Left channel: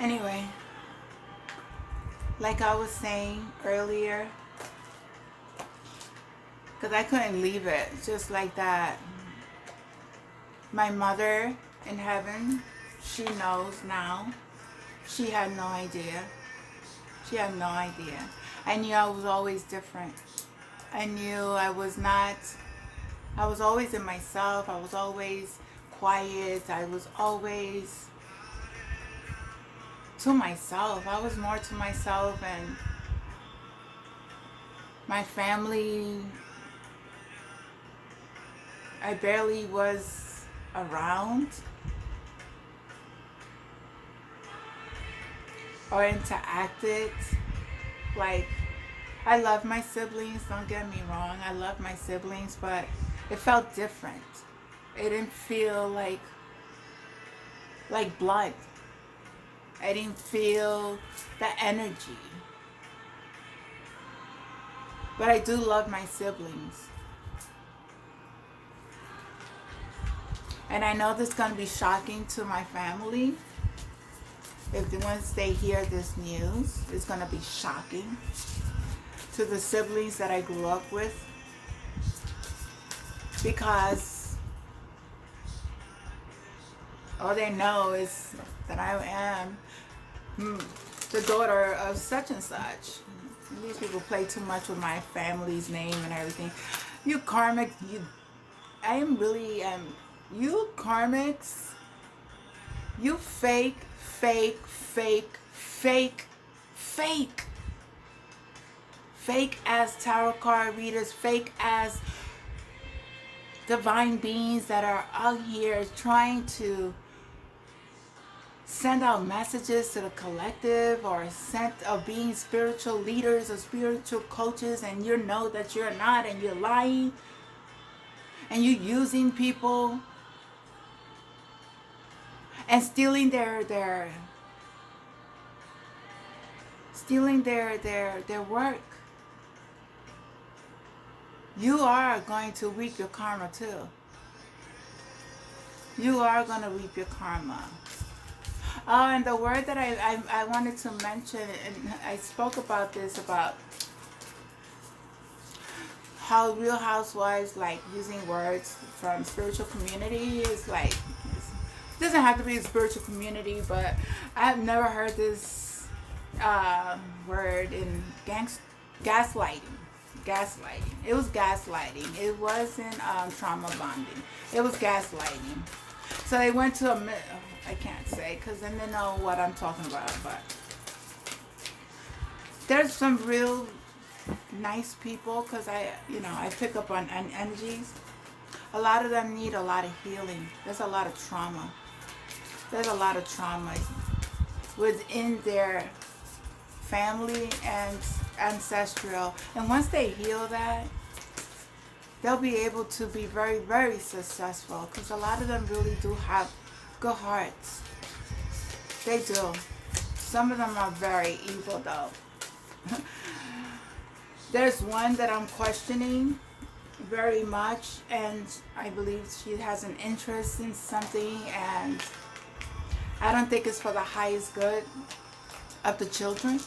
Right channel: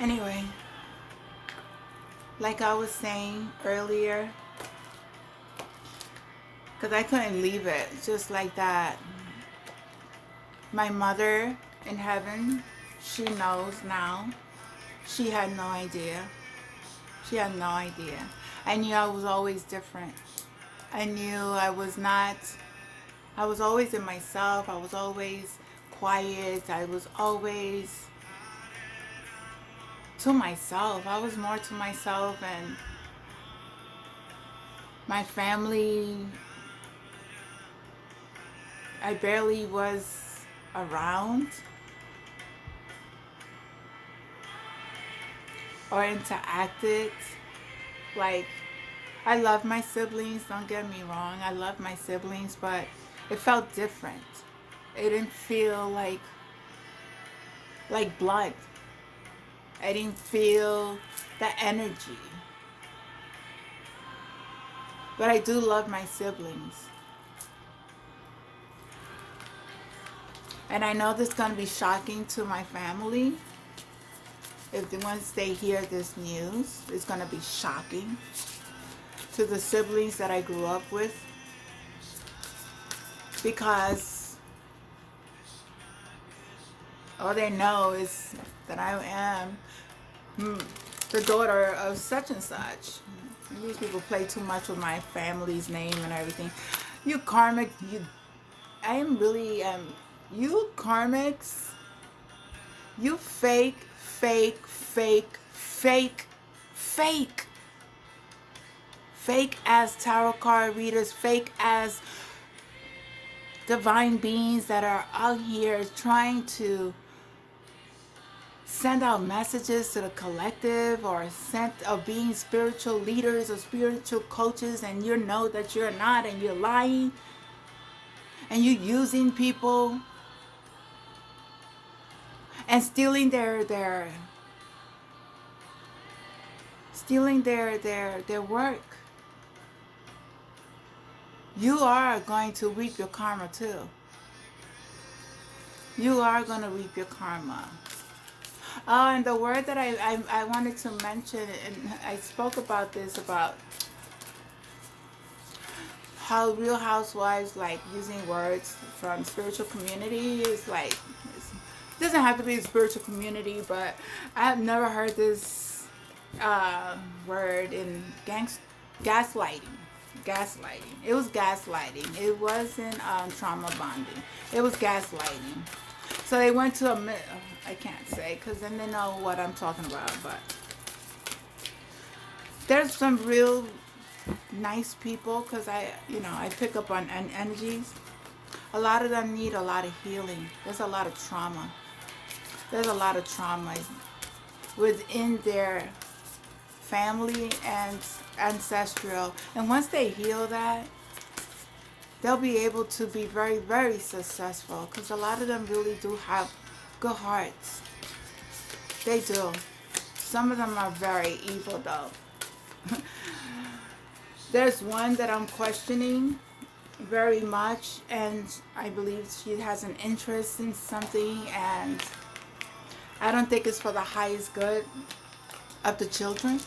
Anyway, like I was saying earlier, because I couldn't leave it just like that. My mother in heaven, she knows now. She had no idea. She had no idea. I knew I was always different. I knew I was always in myself. I was always quiet. I was always to myself. I was more to myself, and my family, I barely was around or interacted. Like, I love my siblings, don't get me wrong. I love my siblings, but it felt different. It didn't feel like blood. I didn't feel the energy. But I do love my siblings. And I know this is going to be shocking to my family. Once they hear this news, it's going to be shocking to the siblings that I grew up with. Because all they know is that I am the daughter of such and such. These people play too much with my family's name and everything. You karmic, I am really, you karmics, you fake, fake, fake, fake, fake. Fake as tarot card readers, fake as divine beings that are out here trying to send out messages to the collective, or being spiritual leaders or spiritual coaches, and you know that you're not, and you're lying, and you're using people and stealing their work. You are going to reap your karma too. You are going to reap your karma. Oh, and the word that I wanted to mention, and I spoke about this, about how Real Housewives like using words from spiritual community is like, it doesn't have to be a spiritual community, but I have never heard this word in gaslighting. Gaslighting. It was gaslighting. It wasn't trauma bonding. It was gaslighting. So they went to I can't say because then they know what I'm talking about, but there's some real nice people, because I pick up on energies. A lot of them need a lot of healing. There's a lot of trauma. There's a lot of trauma within their family and ancestral. And once they heal that, they'll be able to be very, very successful, because a lot of them really do have good hearts. They do. Some of them are very evil though. There's one that I'm questioning very much, and I believe she has an interest in something, and I don't think it's for the highest good of the children.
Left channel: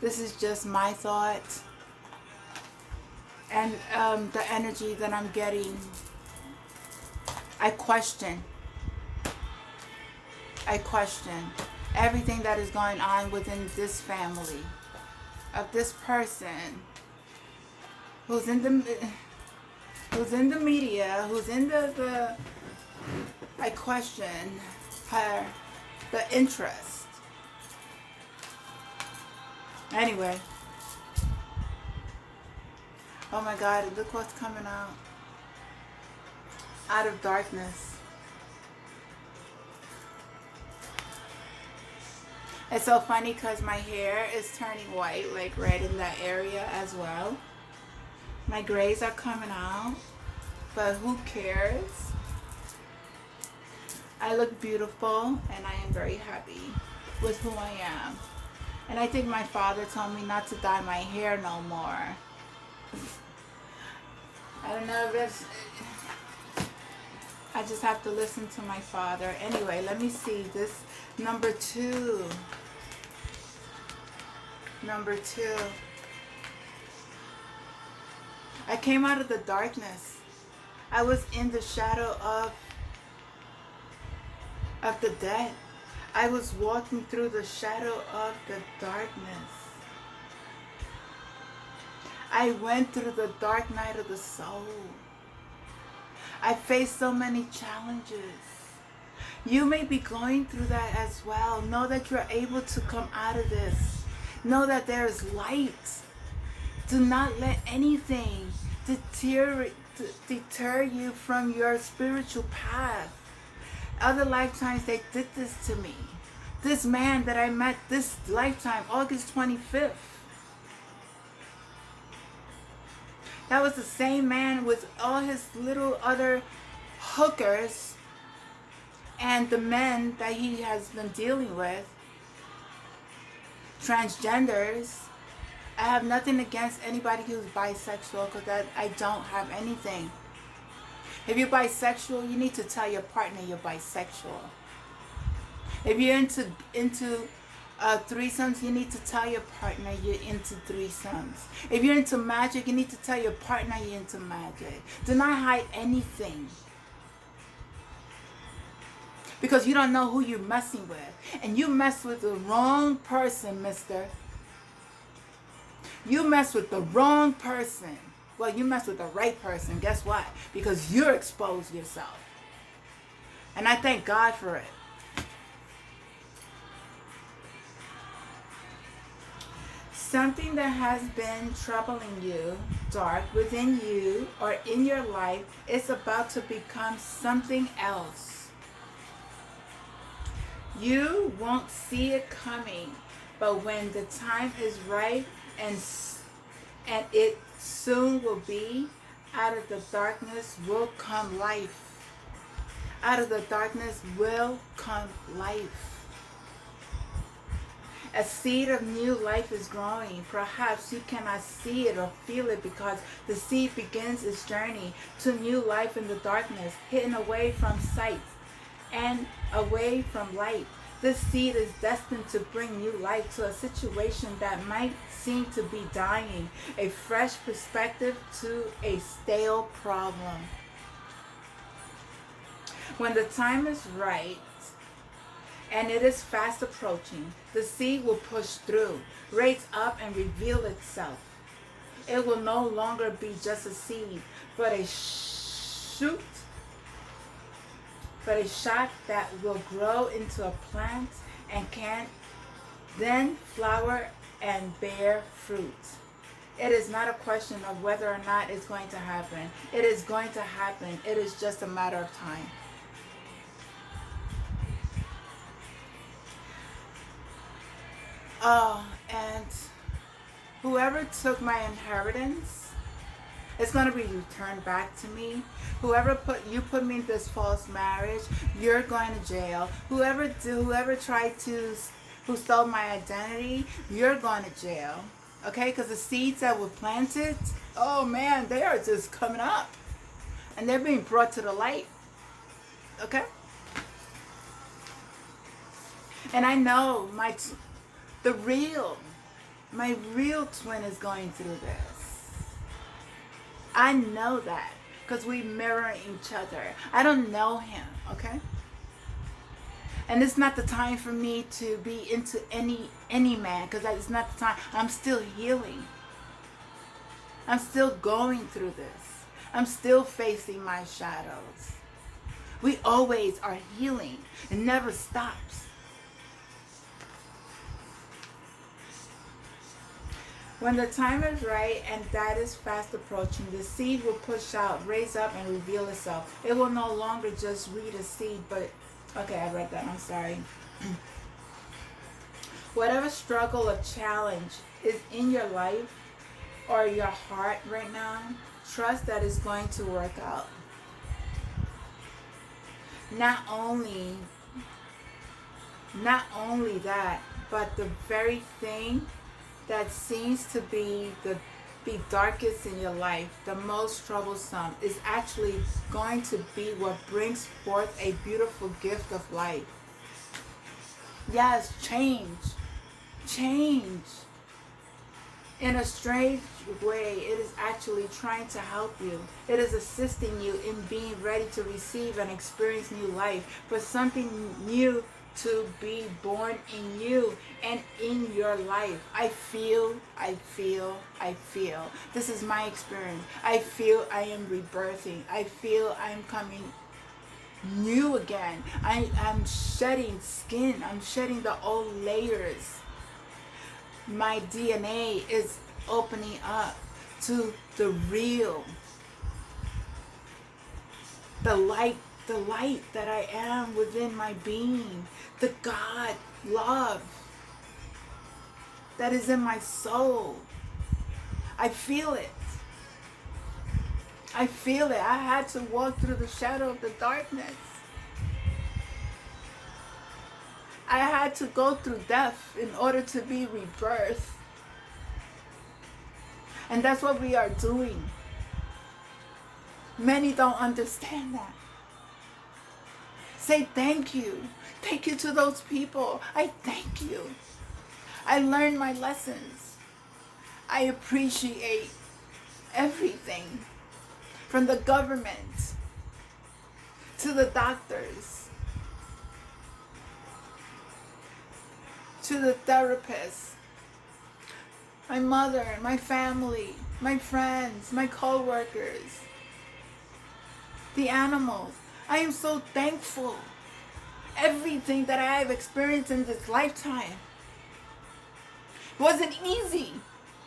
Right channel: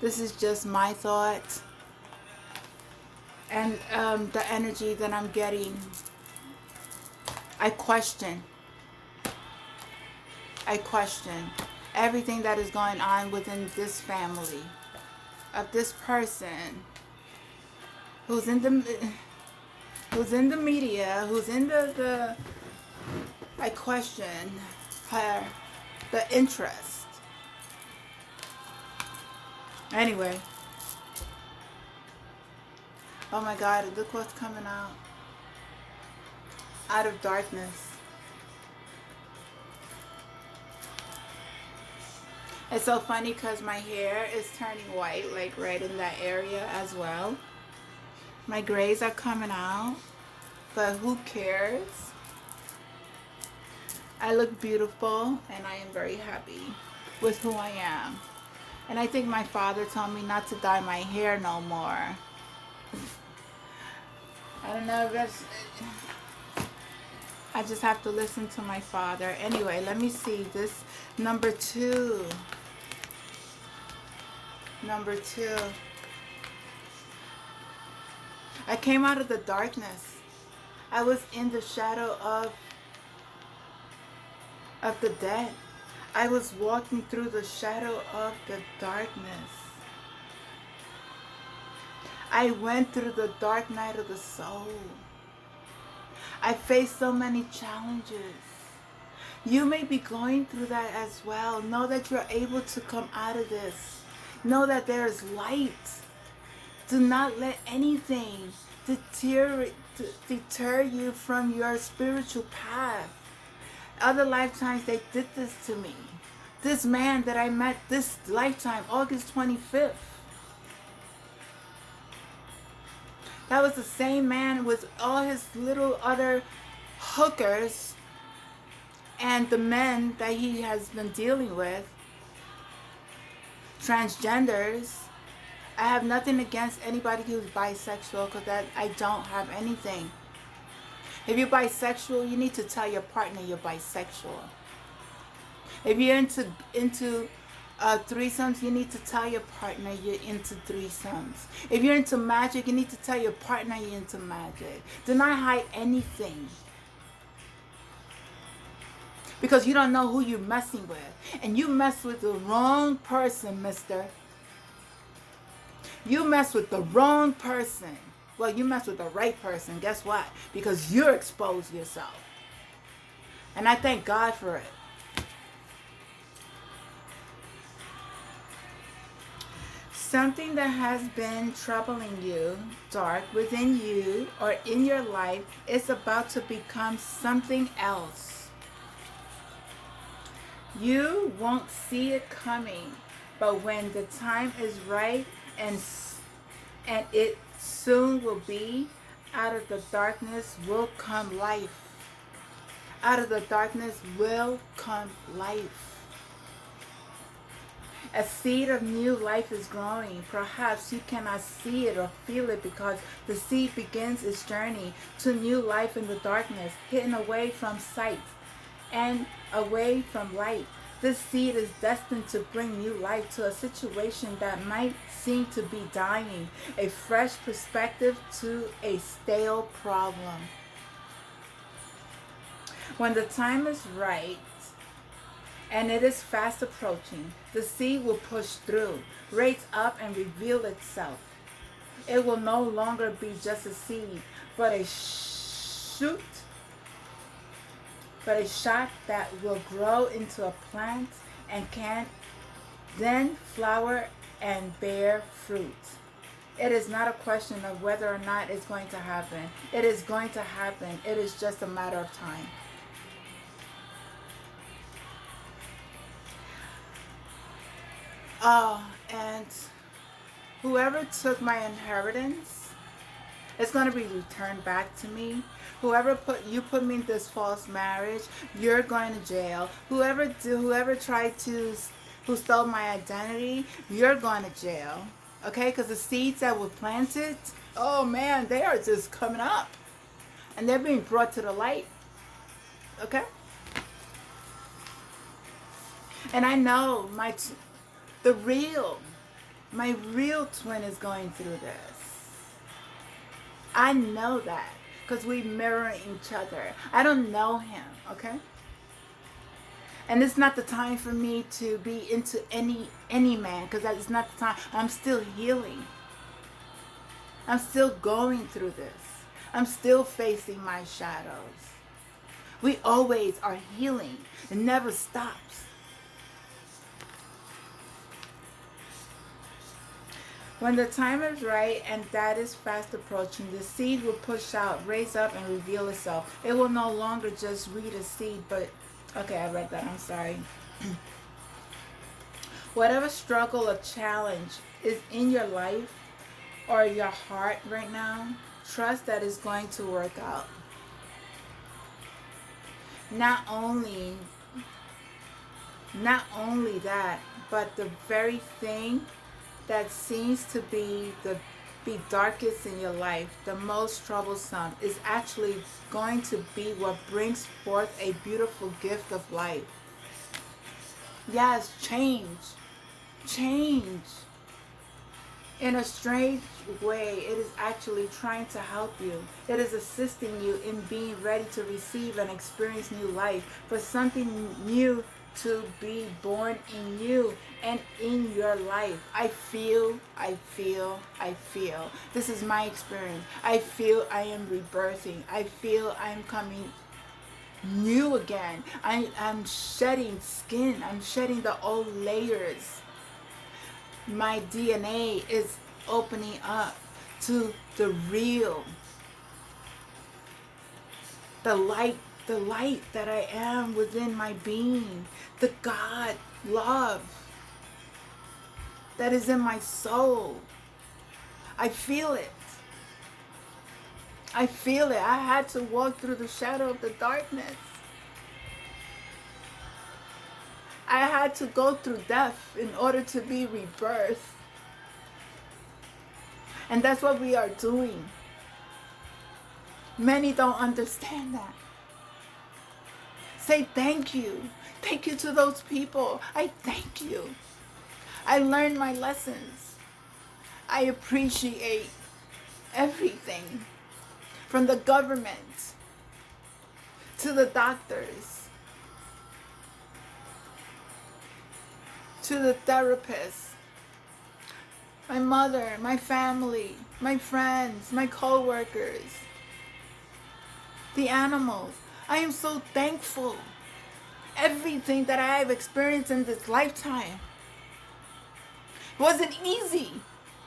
This is just my thoughts. And the energy that I'm getting, I question everything that is going on within this family, of this person who's in the media, who's in the I question the interest. Anyway. Oh my God, look what's coming out of darkness. It's so funny because my hair is turning white, like red in that area as well. My grays are coming out, but who cares? I look beautiful, and I am very happy with who I am. And I think my father told me not to dye my hair no more. I don't know if that's... I just have to listen to my Father. Anyway, let me see. This number two. Number two. I came out of the darkness. I was in the shadow of the dead. I was walking through the shadow of the darkness. I went through the dark night of the soul. I faced so many challenges. You may be going through that as well. Know that you're able to come out of this. Know that there is light. Do not let anything deter you from your spiritual path. Other lifetimes they did this to me. This man that I met this lifetime, August 25th. That was the same man with all his little other hookers and the men that he has been dealing with. Transgenders. I have nothing against anybody who's bisexual because I don't have anything. If you're bisexual, you need to tell your partner you're bisexual. If you're into threesomes, you need to tell your partner you're into threesomes. If you're into magic, you need to tell your partner you're into magic. Do not hide anything. Because you don't know who you're messing with. And you mess with the wrong person, mister. You mess with the wrong person. Well, you mess with the right person. Guess what? Because you're exposed yourself. And I thank God for it. Something that has been troubling you, dark within you or in your life, is about to become something else. You won't see it coming, but when the time is right and it soon will be, out of the darkness will come life. Out of the darkness will come life. A seed of new life is growing. Perhaps you cannot see it or feel it because the seed begins its journey to new life in the darkness, hidden away from sight and away from light. This seed is destined to bring new life to a situation that might seem to be dying, a fresh perspective to a stale problem. When the time is right, and it is fast approaching, the seed will push through, raise up, and reveal itself. It will no longer be just a seed, but a shoot, but a shot that will grow into a plant and can then flower and bear fruit. It is not a question of whether or not it's going to happen. It is going to happen. It is just a matter of time. Oh, and whoever took my inheritance, it's going to be returned back to me. Whoever put me in this false marriage, you're going to jail. Whoever who stole my identity, you're going to jail. Okay, because the seeds that were planted, oh man, they are just coming up, and they're being brought to the light. Okay, and I know my real twin is going through this. I know that because we mirror each other. I don't know him, okay? And it's not the time for me to be into any man because it's not the time. I'm still healing. I'm still going through this. I'm still facing my shadows. We always are healing. It never stops. When the time is right and that is fast approaching, the seed will push out, raise up, and reveal itself. It will no longer just read a seed, but... Okay, I read that. I'm sorry. Whatever struggle or challenge is in your life or your heart right now, trust that it's going to work out. Not only that, but the very thing that seems to be be darkest in your life, the most troublesome, is actually going to be what brings forth a beautiful gift of life. Yes, change. Change. In a strange way, it is actually trying to help you. It is assisting you in being ready to receive and experience new life, for something new to be born in you and in your life. I feel. This is my experience. I feel I am rebirthing. I feel I am coming new again. I'm shedding skin. I'm shedding the old layers. My DNA is opening up to the real, the light that I am within my being, the God love that is in my soul. I feel it. I feel it. I had to walk through the shadow of the darkness. I had to go through death in order to be rebirthed. And that's what we are doing. Many don't understand that. Say thank you. Thank you to those people. I thank you. I learned my lessons. I appreciate everything, from the government to the doctors to the therapists, my mother, my family, my friends, my co-workers, the animals. I am so thankful. Everything that I have experienced in this lifetime wasn't easy.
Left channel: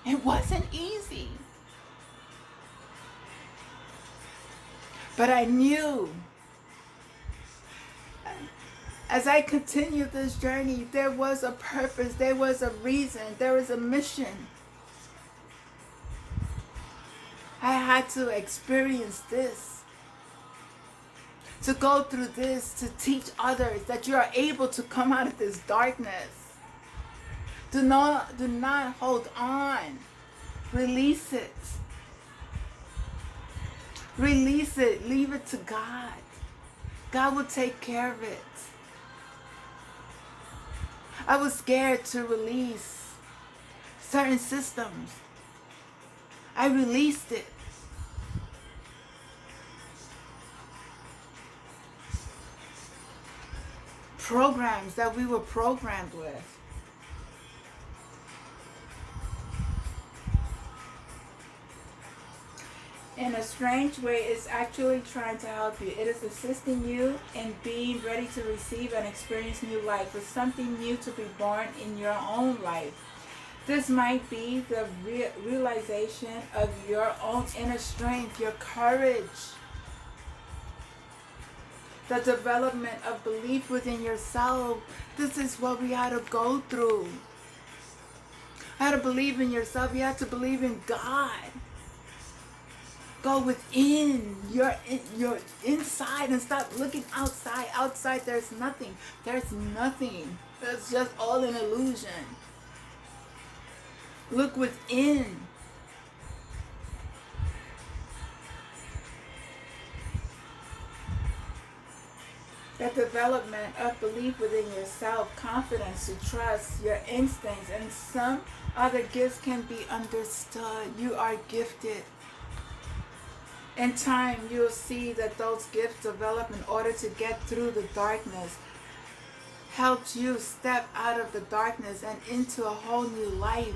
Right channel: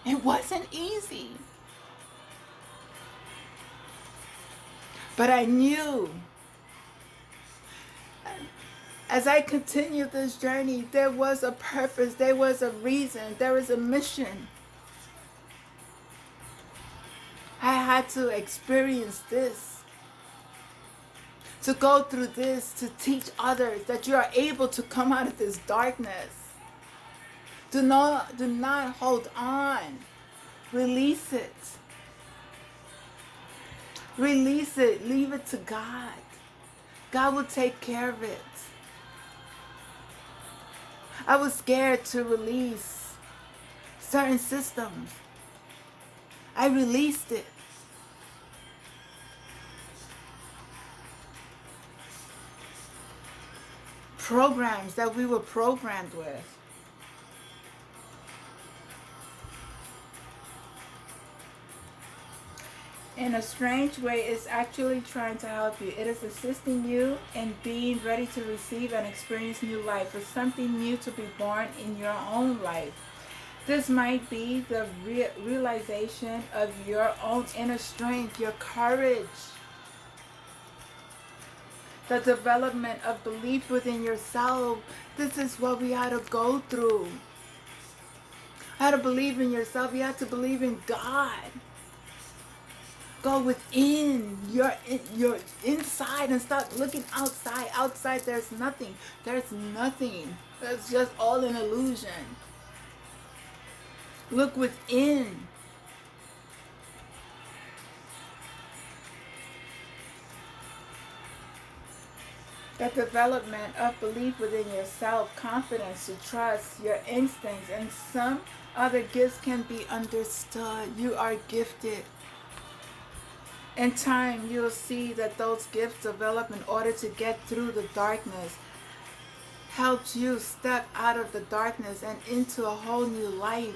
It wasn't easy. But I knew as I continued this journey, there was a purpose, there was a reason, there was a mission. I had to experience this, to go through this, to teach others that you are able to come out of this darkness. Do not hold on. Release it. Release it. Leave it to God. God will take care of it. I was scared to release certain systems. I released it. Programs that we were programmed with. In a strange way, it's actually trying to help you. It is assisting you in being ready to receive and experience new life, for something new to be born in your own life. This might be the realization of your own inner strength, your courage, the development of belief within yourself. This is what we had to go through. You had to believe in yourself. You had to believe in God. Go within your inside and stop looking outside. Outside there's nothing. There's nothing. That's just all an illusion. Look within. The development of belief within yourself, confidence to trust your instincts, and some other gifts can be understood. You are gifted. In time, you'll see that those gifts develop in order to get through the darkness, helped you step out of the darkness and into a whole new life.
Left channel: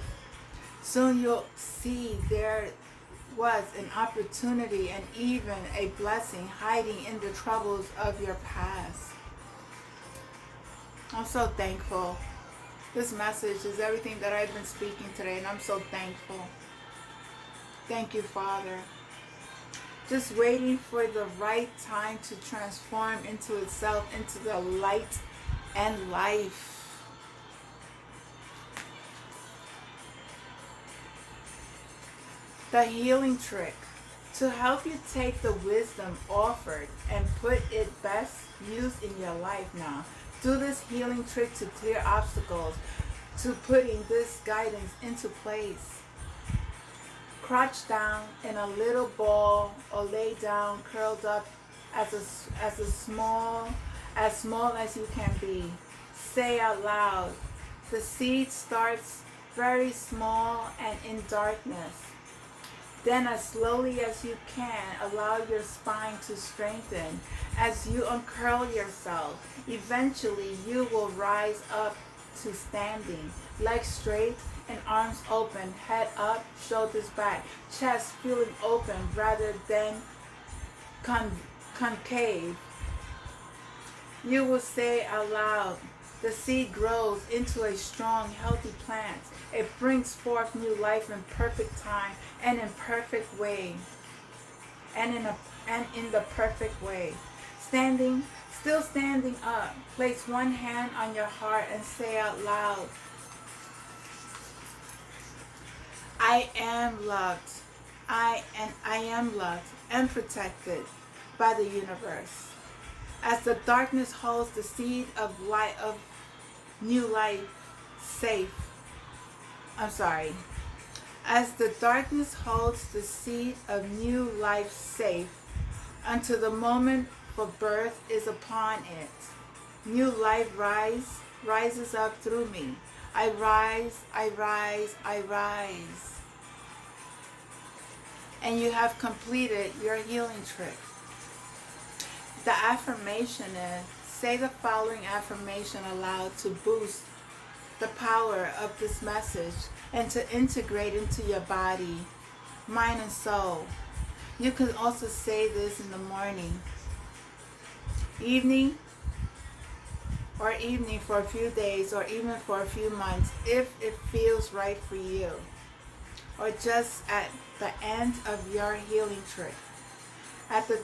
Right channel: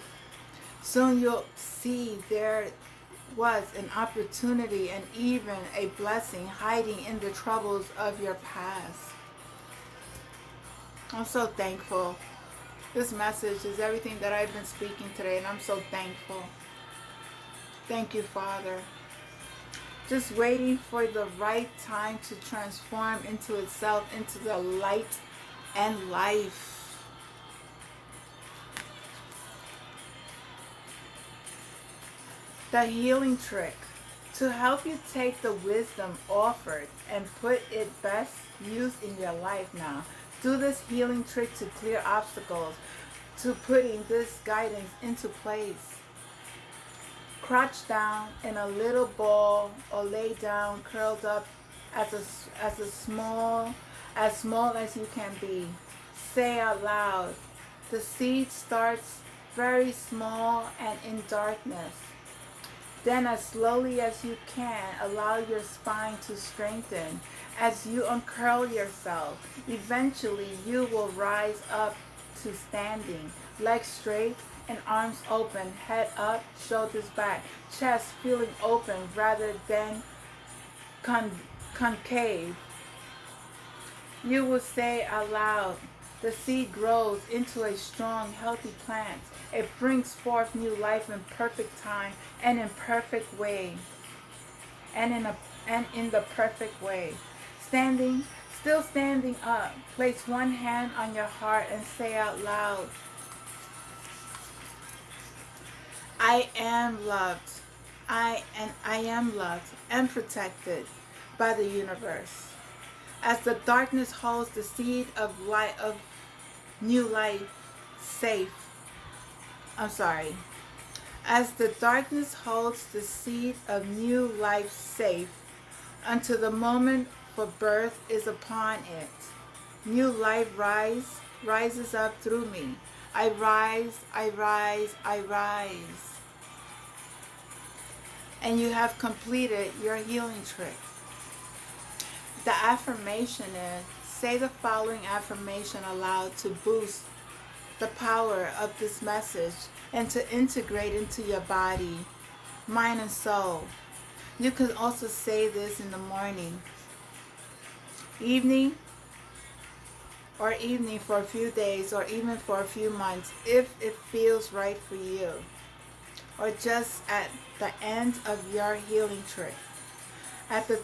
Soon you'll see there was an opportunity and even a blessing hiding in the troubles of your past. I'm so thankful. This message is everything that I've been speaking today, and I'm so thankful. Thank you, Father. Just waiting for the right time to transform into itself, into the light and life. The healing trick. To help you take the wisdom offered and put it best used in your life now. Do this healing trick to clear obstacles, to putting this guidance into place. crouch down in a little ball or lay down curled up as small as you can be. Say out loud, the seed starts very small and in darkness. Then as slowly as you can, allow your spine to strengthen. As you uncurl yourself, eventually you will rise up to standing, legs straight and arms open, head up, shoulders back, chest feeling open rather than concave. You will say aloud, the seed grows into a strong, healthy plant. It brings forth new life in perfect time and in perfect way. And in the perfect way. Still standing up. Place one hand on your heart and say out loud, I am loved. I am loved and protected by the universe. As the darkness holds the seed of light of new life safe. As the darkness holds the seed of new life safe until the moment for birth is upon it. New life rises up through me. I rise, I rise, I rise. And you have completed your healing trick. The affirmation is, say the following affirmation aloud to boost the power of this message and to integrate into your body, mind, and soul. You can also say this in the morning, evening for a few days or even for a few months if it feels right for you, or just at the end of your healing trip. At the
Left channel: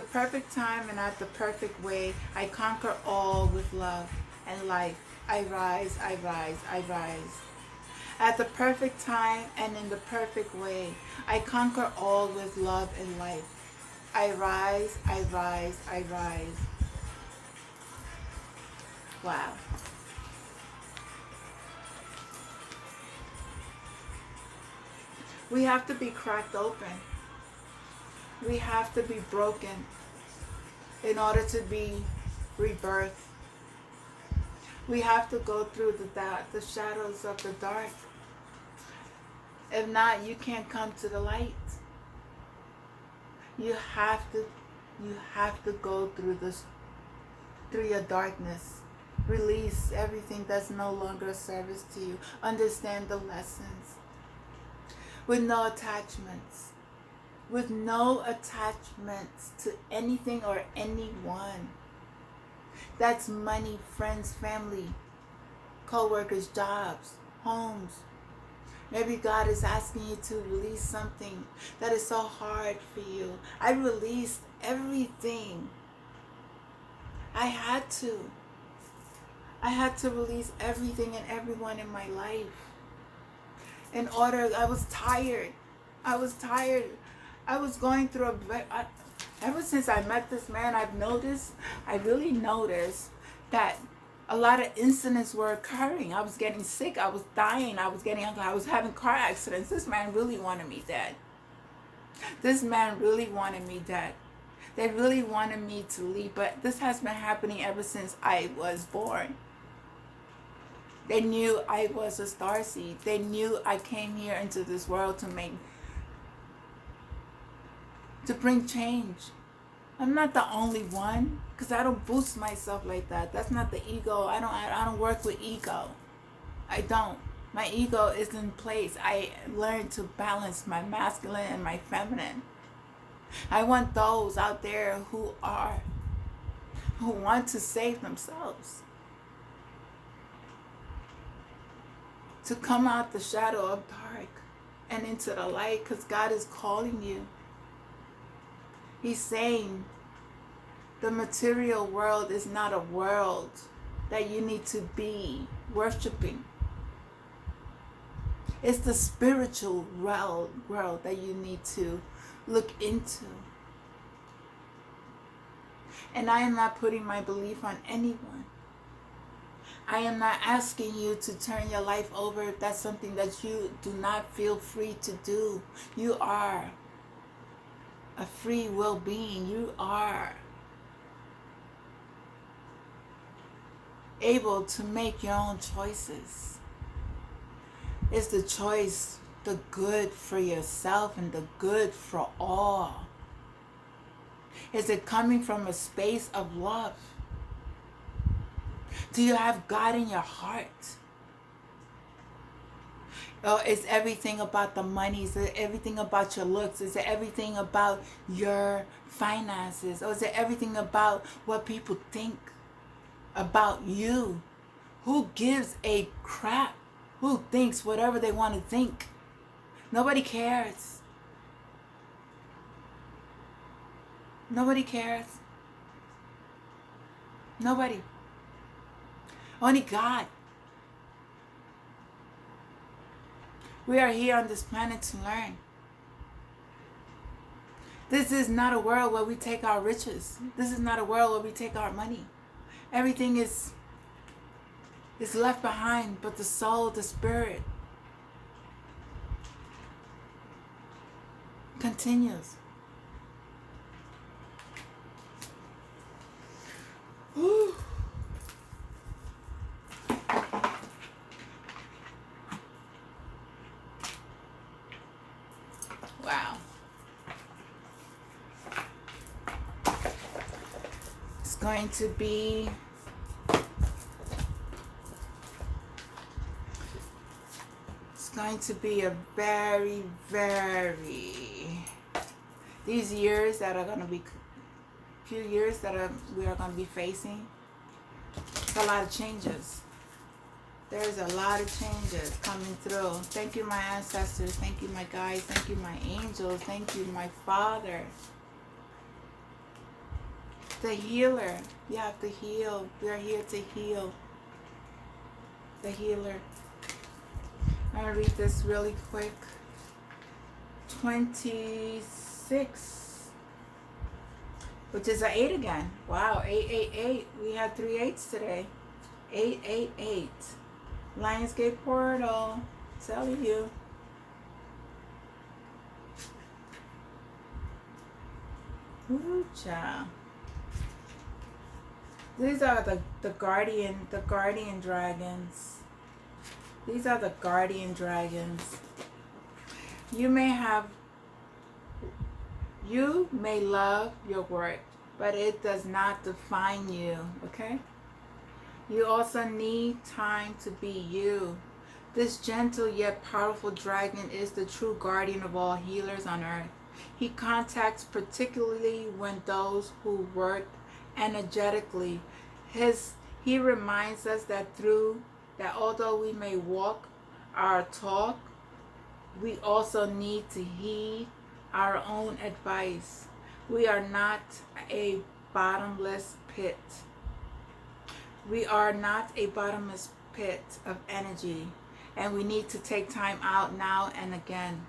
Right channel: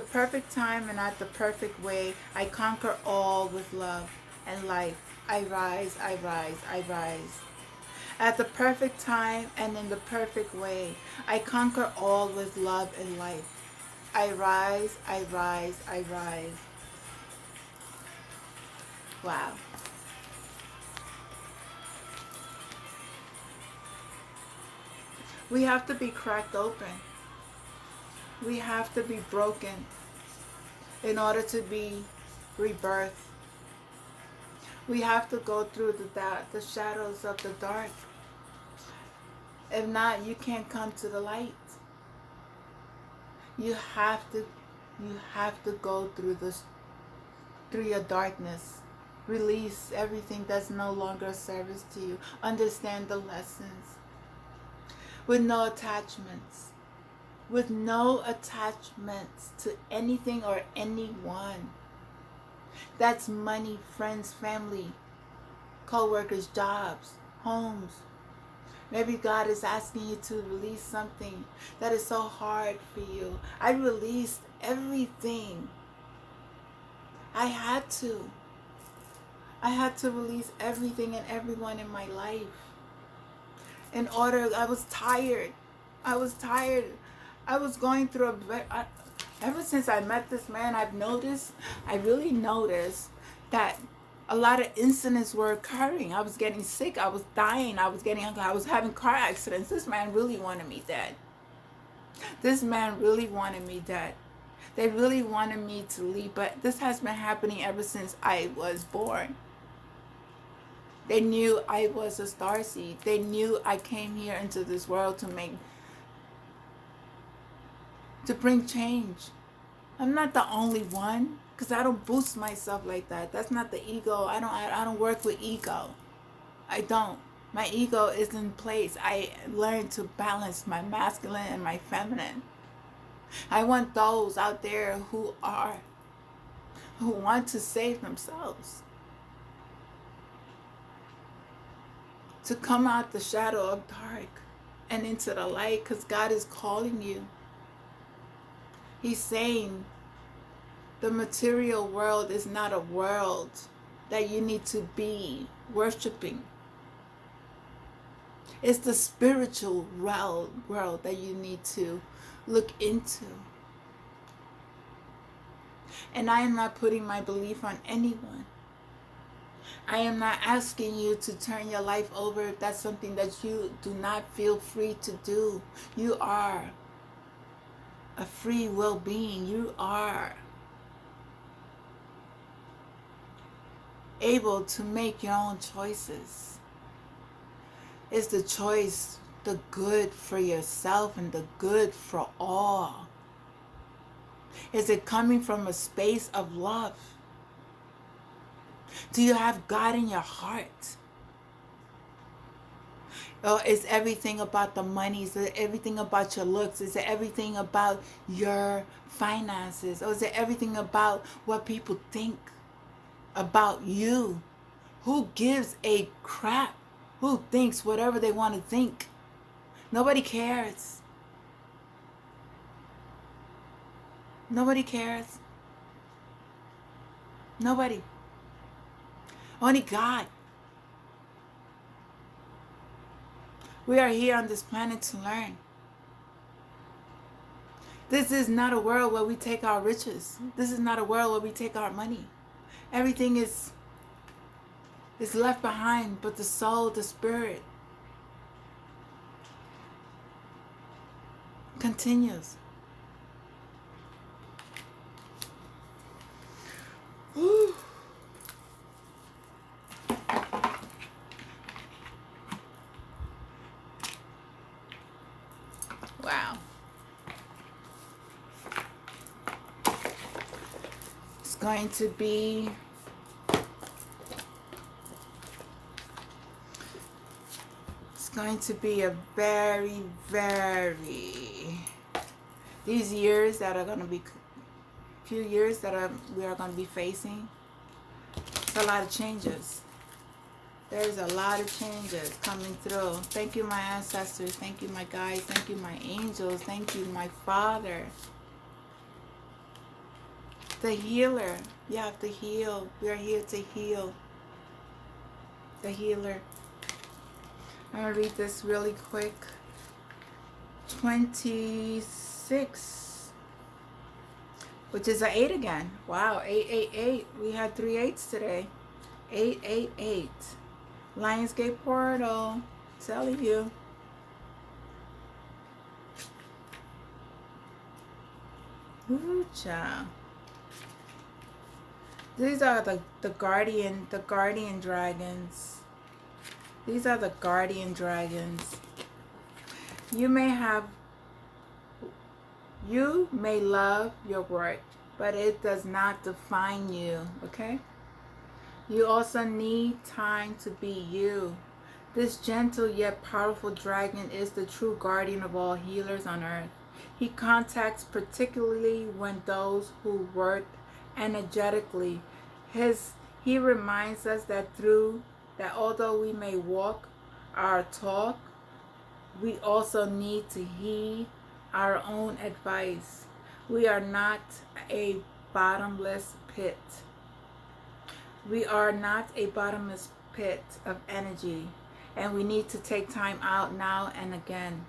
perfect time and at the perfect way, I conquer all with love and life. I rise, I rise, I rise. At the perfect time and in the perfect way, I conquer all with love and life. I rise, I rise, I rise. Wow. We have to be cracked open. We have to be broken in order to be rebirthed. We have to go through the shadows of the dark. If not, you can't come to the light. You have to go through your darkness. Release everything that's no longer a service to you. Understand the lessons. With no attachments. With no attachments to anything or anyone. That's money, friends, family, co-workers, jobs, homes. Maybe God is asking you to release something that is so hard for you. I released everything. I had to. I had to release everything and everyone in my life. I was tired. I was going through ever since I met this man, I really noticed that a lot of incidents were occurring. I was getting sick. I was dying. I was having car accidents. This man really wanted me dead. This man really wanted me dead. They really wanted me to leave, but this has been happening ever since I was born. They knew I was a starseed. They knew I came here into this world to bring change. I'm not the only one, because I don't boost myself like that. That's not the ego. I don't work with ego. I don't. My ego is in place. I learned to balance my masculine and my feminine. I want those out there who want to save themselves to come out the shadow of dark and into the light, because God is calling you. He's saying the material world is not a world that you need to be worshiping. It's the spiritual world that you need to look into. And I am not putting my belief on anyone. I am not asking you to turn your life over if that's something that you do not feel free to do. You are a free will being. You are able to make your own choices. It's the choice, the good for yourself and the good for all. Is it coming from a space of love? Do you have God in your heart? Or is everything about the money? Is it everything about your looks? Is it everything about your finances? Or is it everything about what people think about you? Who gives a crap? Who thinks whatever they want to think? Nobody cares. Nobody cares. Nobody. Only God. We are here on this planet to learn. This is not a world where we take our riches. This is not a world where we take our money. Everything is left behind, but the soul, the spirit continues. Whew. Wow. It's going to be a very, these years that are going to be few years that we are going to be facing. It's a lot of changes. There's a lot of changes coming through. Thank you, my ancestors. Thank you, my guides. Thank you, my angels. Thank you, my Father. The healer. You have to heal. We are here to heal. The healer. I'm going to read this really quick. 26, which is an 8 again. Wow, 888. We had 3 8s today. 888. Lionsgate portal. Telling you. Ooh, child. These are the guardian dragons. These are the guardian dragons. You may love your work, but it does not define you, okay? You also need time to be you. This gentle yet powerful dragon is the true guardian of all healers on earth. He contacts particularly when those who work energetically. He reminds us that although we may walk our talk, we also need to heed our own advice. We are not a bottomless pit. We are not a bottomless pit of energy, and we need to take time out now and again.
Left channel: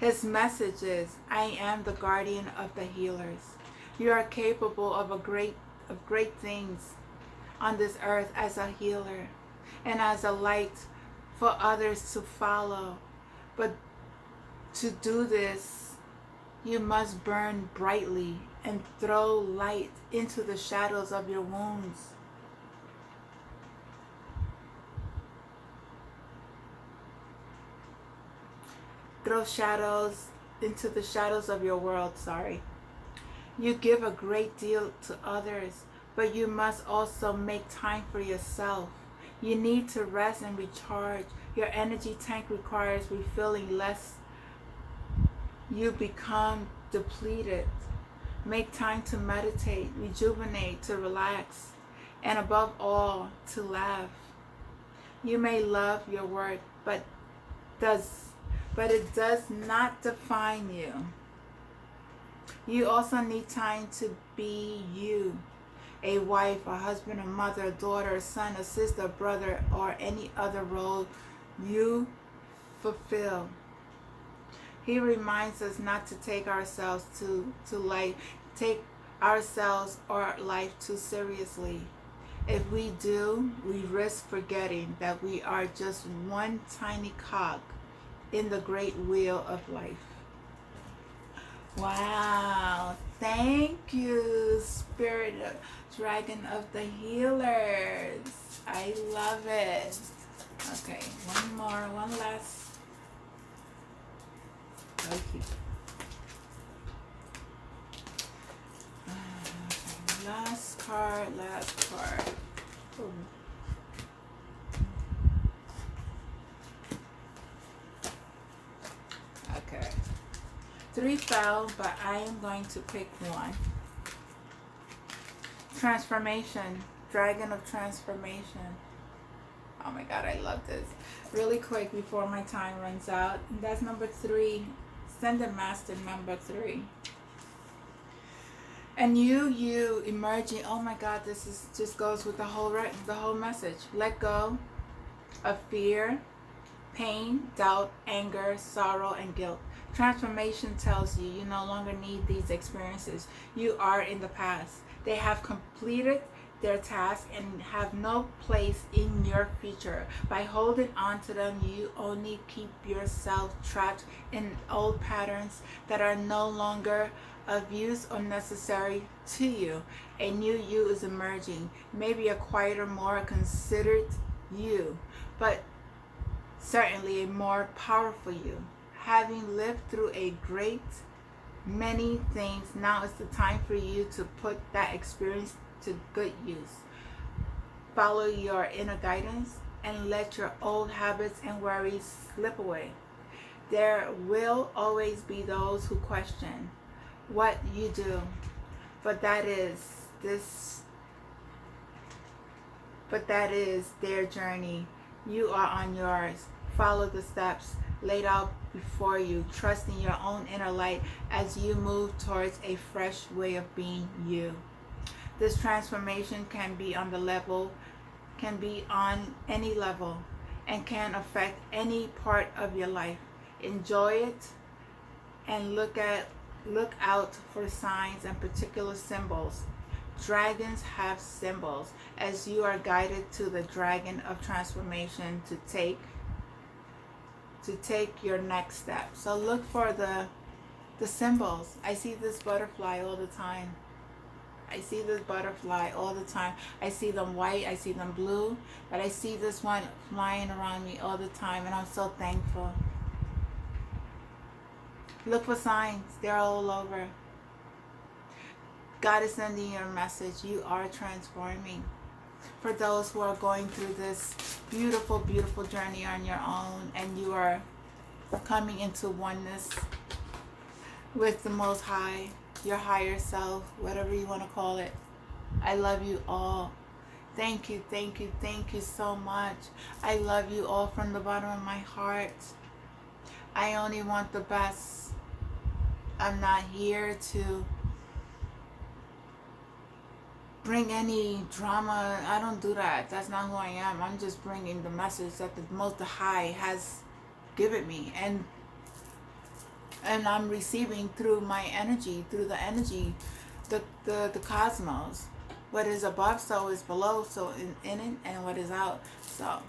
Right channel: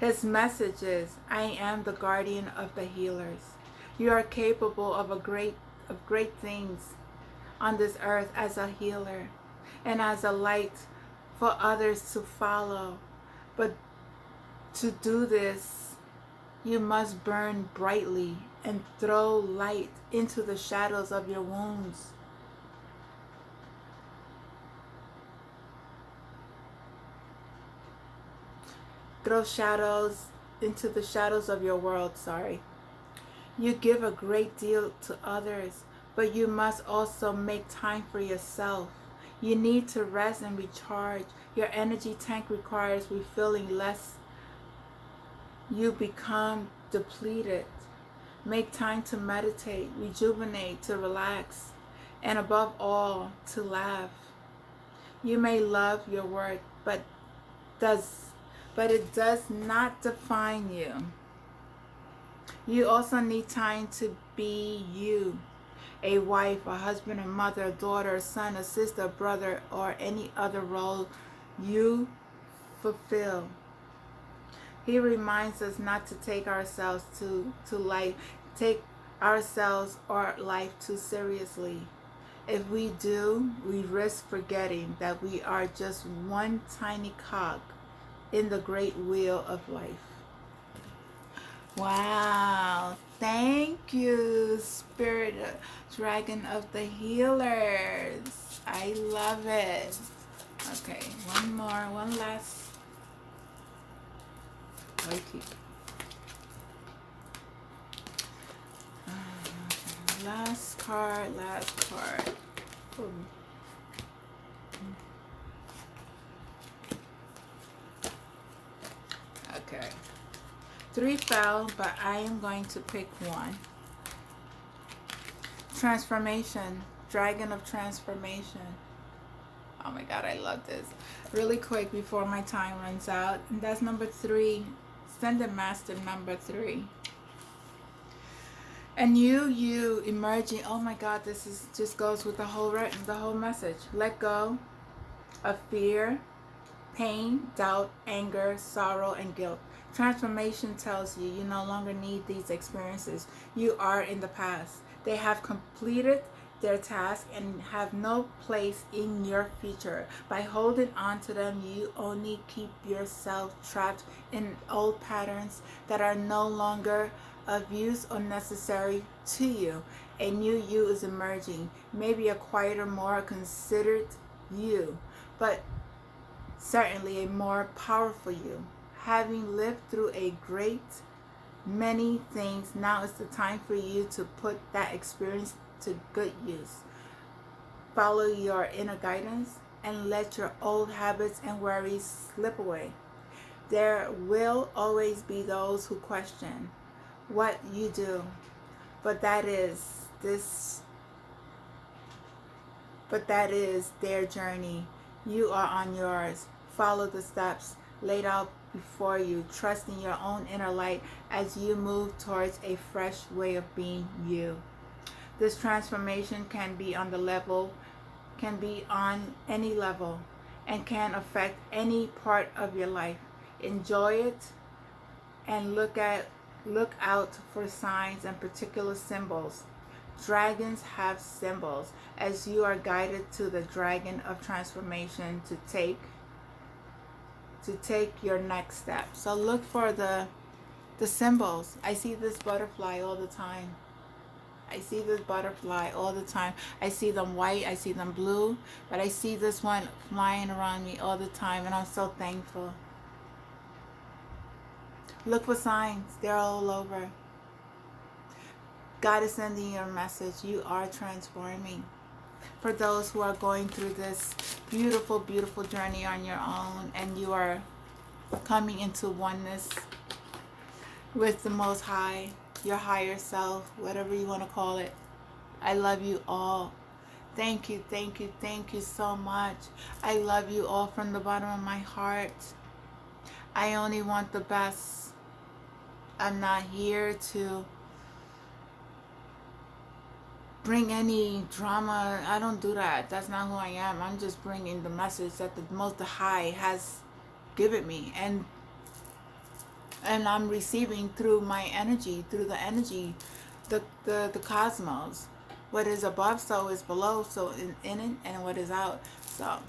His message is, I am the guardian of the healers. You are capable of great things on this earth as a healer and as a light for others to follow. But to do this, you must burn brightly and throw light into the shadows of your wounds. Throw shadows into the shadows of your world, You give a great deal to others, but you must also make time for yourself. You need to rest and recharge. Your energy tank requires refilling, lest you become depleted. Make time to meditate, rejuvenate, to relax, and above all, to laugh. You may love your work, but it does not define you. You also need time to be you. A wife, a husband, a mother, a daughter, a son, a sister, a brother, or any other role you fulfill. He reminds us not to take ourselves take ourselves or life too seriously. If we do, we risk forgetting that we are just one tiny cog in the great wheel of life. Wow. Thank you, Spirit Dragon of the Healers. I love it. Okay, one more, one last. Okay. Last card, last card. Okay. 3 fell, but I am going to pick one. Transformation. Dragon of Transformation. Oh my God, I love this. Really quick before my time runs out. And that's number 3. Ascended Master number 3. And you emerging. Oh my God, this is just goes with the whole message. Let go of fear, pain, doubt, anger, sorrow, and guilt. Transformation tells you you no longer need these experiences. You are in the past. They have completed their task and have no place in your future. By holding on to them, you only keep yourself trapped in old patterns that are no longer of use or necessary to you. A new you is emerging, maybe a quieter, more considered you, but certainly a more powerful you. Having lived through a great many things, now is the time for you to put that experience to good use. Follow your inner guidance and let your old habits and worries slip away. There will always be those who question what you do, but that is their journey. You are on yours. Follow the steps laid out before you, trusting your own inner light as you move towards a fresh way of being you. This transformation can be on any level, and can affect any part of your life. Enjoy it and look out for signs and particular symbols. Dragons have symbols as you are guided to the dragon of transformation to take your next step. So look for the symbols. I see this butterfly all the time. I see this butterfly all the time. I see them white, I see them blue, but I see this one flying around me all the time, and I'm so thankful. Look for signs. They're all over. God is sending you a message. You are transforming. For those who are going through this beautiful, beautiful journey on your own, and you are coming into oneness with the Most High, your higher self, whatever you want to call it. I love you all. Thank you, thank you, thank you so much. I love you all from the bottom of my heart. I only want the best. I'm not here to bring any drama. I don't do that. That's not who I am. I'm just bringing the message that the Most High has given me, and I'm receiving through my energy, through the energy, the cosmos. What is above, so is below, so in it, and what is out. So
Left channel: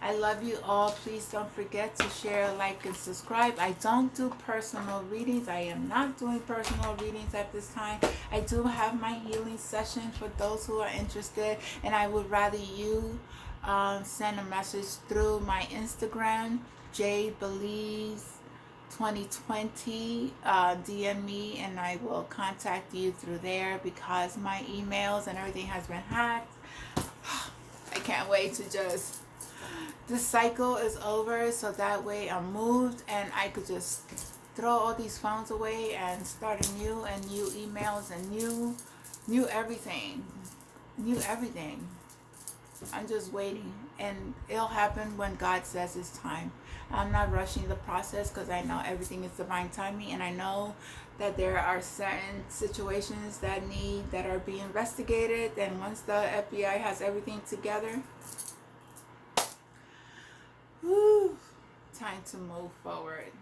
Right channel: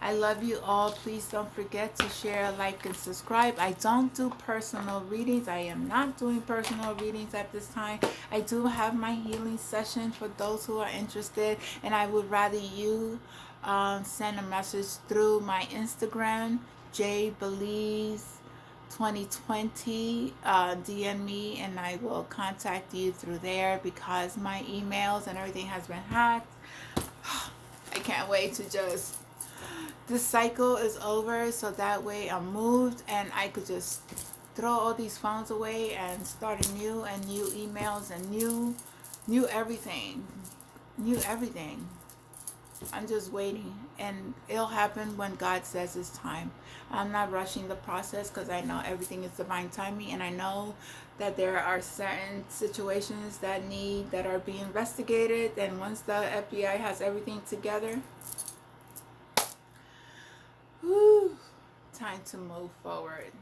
I love you all. Please don't forget to share, like, and subscribe. I don't do personal readings. I am not doing personal readings at this time. I do have my healing session for those who are interested, and I would rather you send a message through my Instagram, jbelize2020. DM me, and I will contact you through there, because my emails and everything has been hacked. I can't wait to just... This cycle is over, so that way I'm moved and I could just throw all these phones away and start anew, and new emails and new everything. New everything. I'm just waiting, and it'll happen when God says it's time. I'm not rushing the process, because I know everything is divine timing, and I know that there are certain situations that are being investigated, and once the FBI has everything together, whew, time to move forward.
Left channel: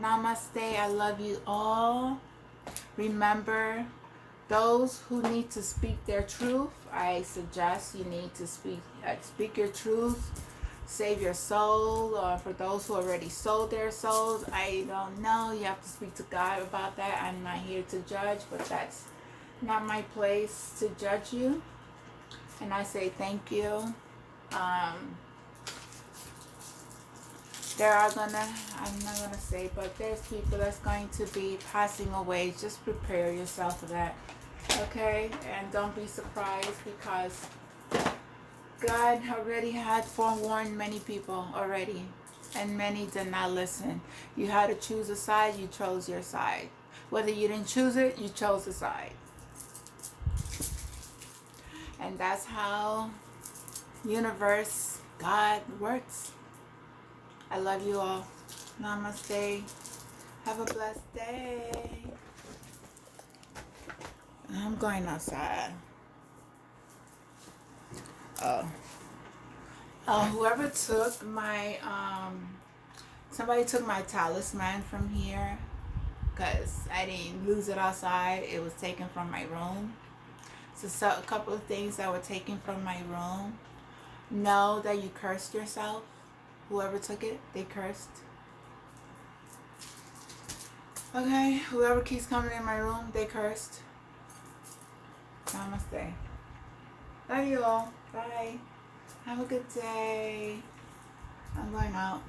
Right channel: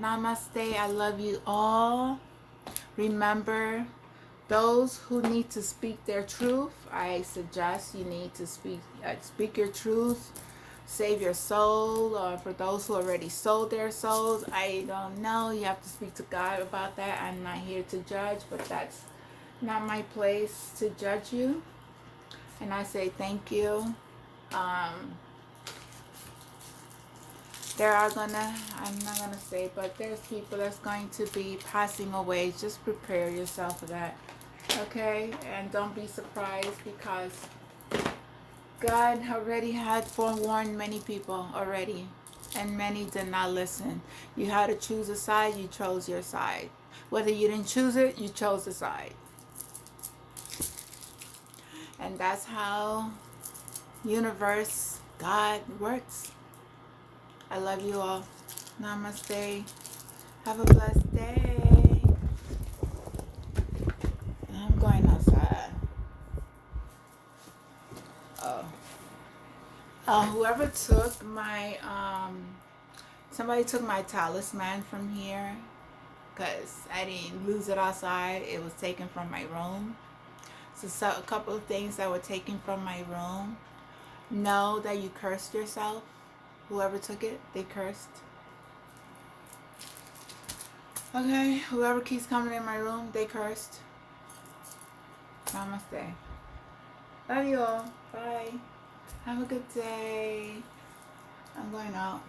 Namaste. I love you all. Remember, Those who need to speak their truth, I suggest you need to speak your truth, save your soul. Or for those who already sold their souls, I don't know. You have to speak to God about that. I'm not here to judge, but that's not my place to judge you. And I say thank you. I'm not gonna say, but there's people that's going to be passing away. Just prepare yourself for that. Okay? And don't be surprised, because God already had forewarned many people already. And many did not listen. You had to choose a side, you chose your side. Whether you didn't choose it, you chose a side. And that's how universe, God works. I love you all. Namaste. Have a blessed day. I'm going outside. Whoever took my, somebody took my talisman from here, because I didn't lose it outside. It was taken from my room. So a couple of things that were taken from my room. Know that you cursed yourself. Whoever took it, they cursed. Okay, whoever keeps coming in my room, they cursed. Namaste. Love you all. Bye. Have a good day. I'm going out.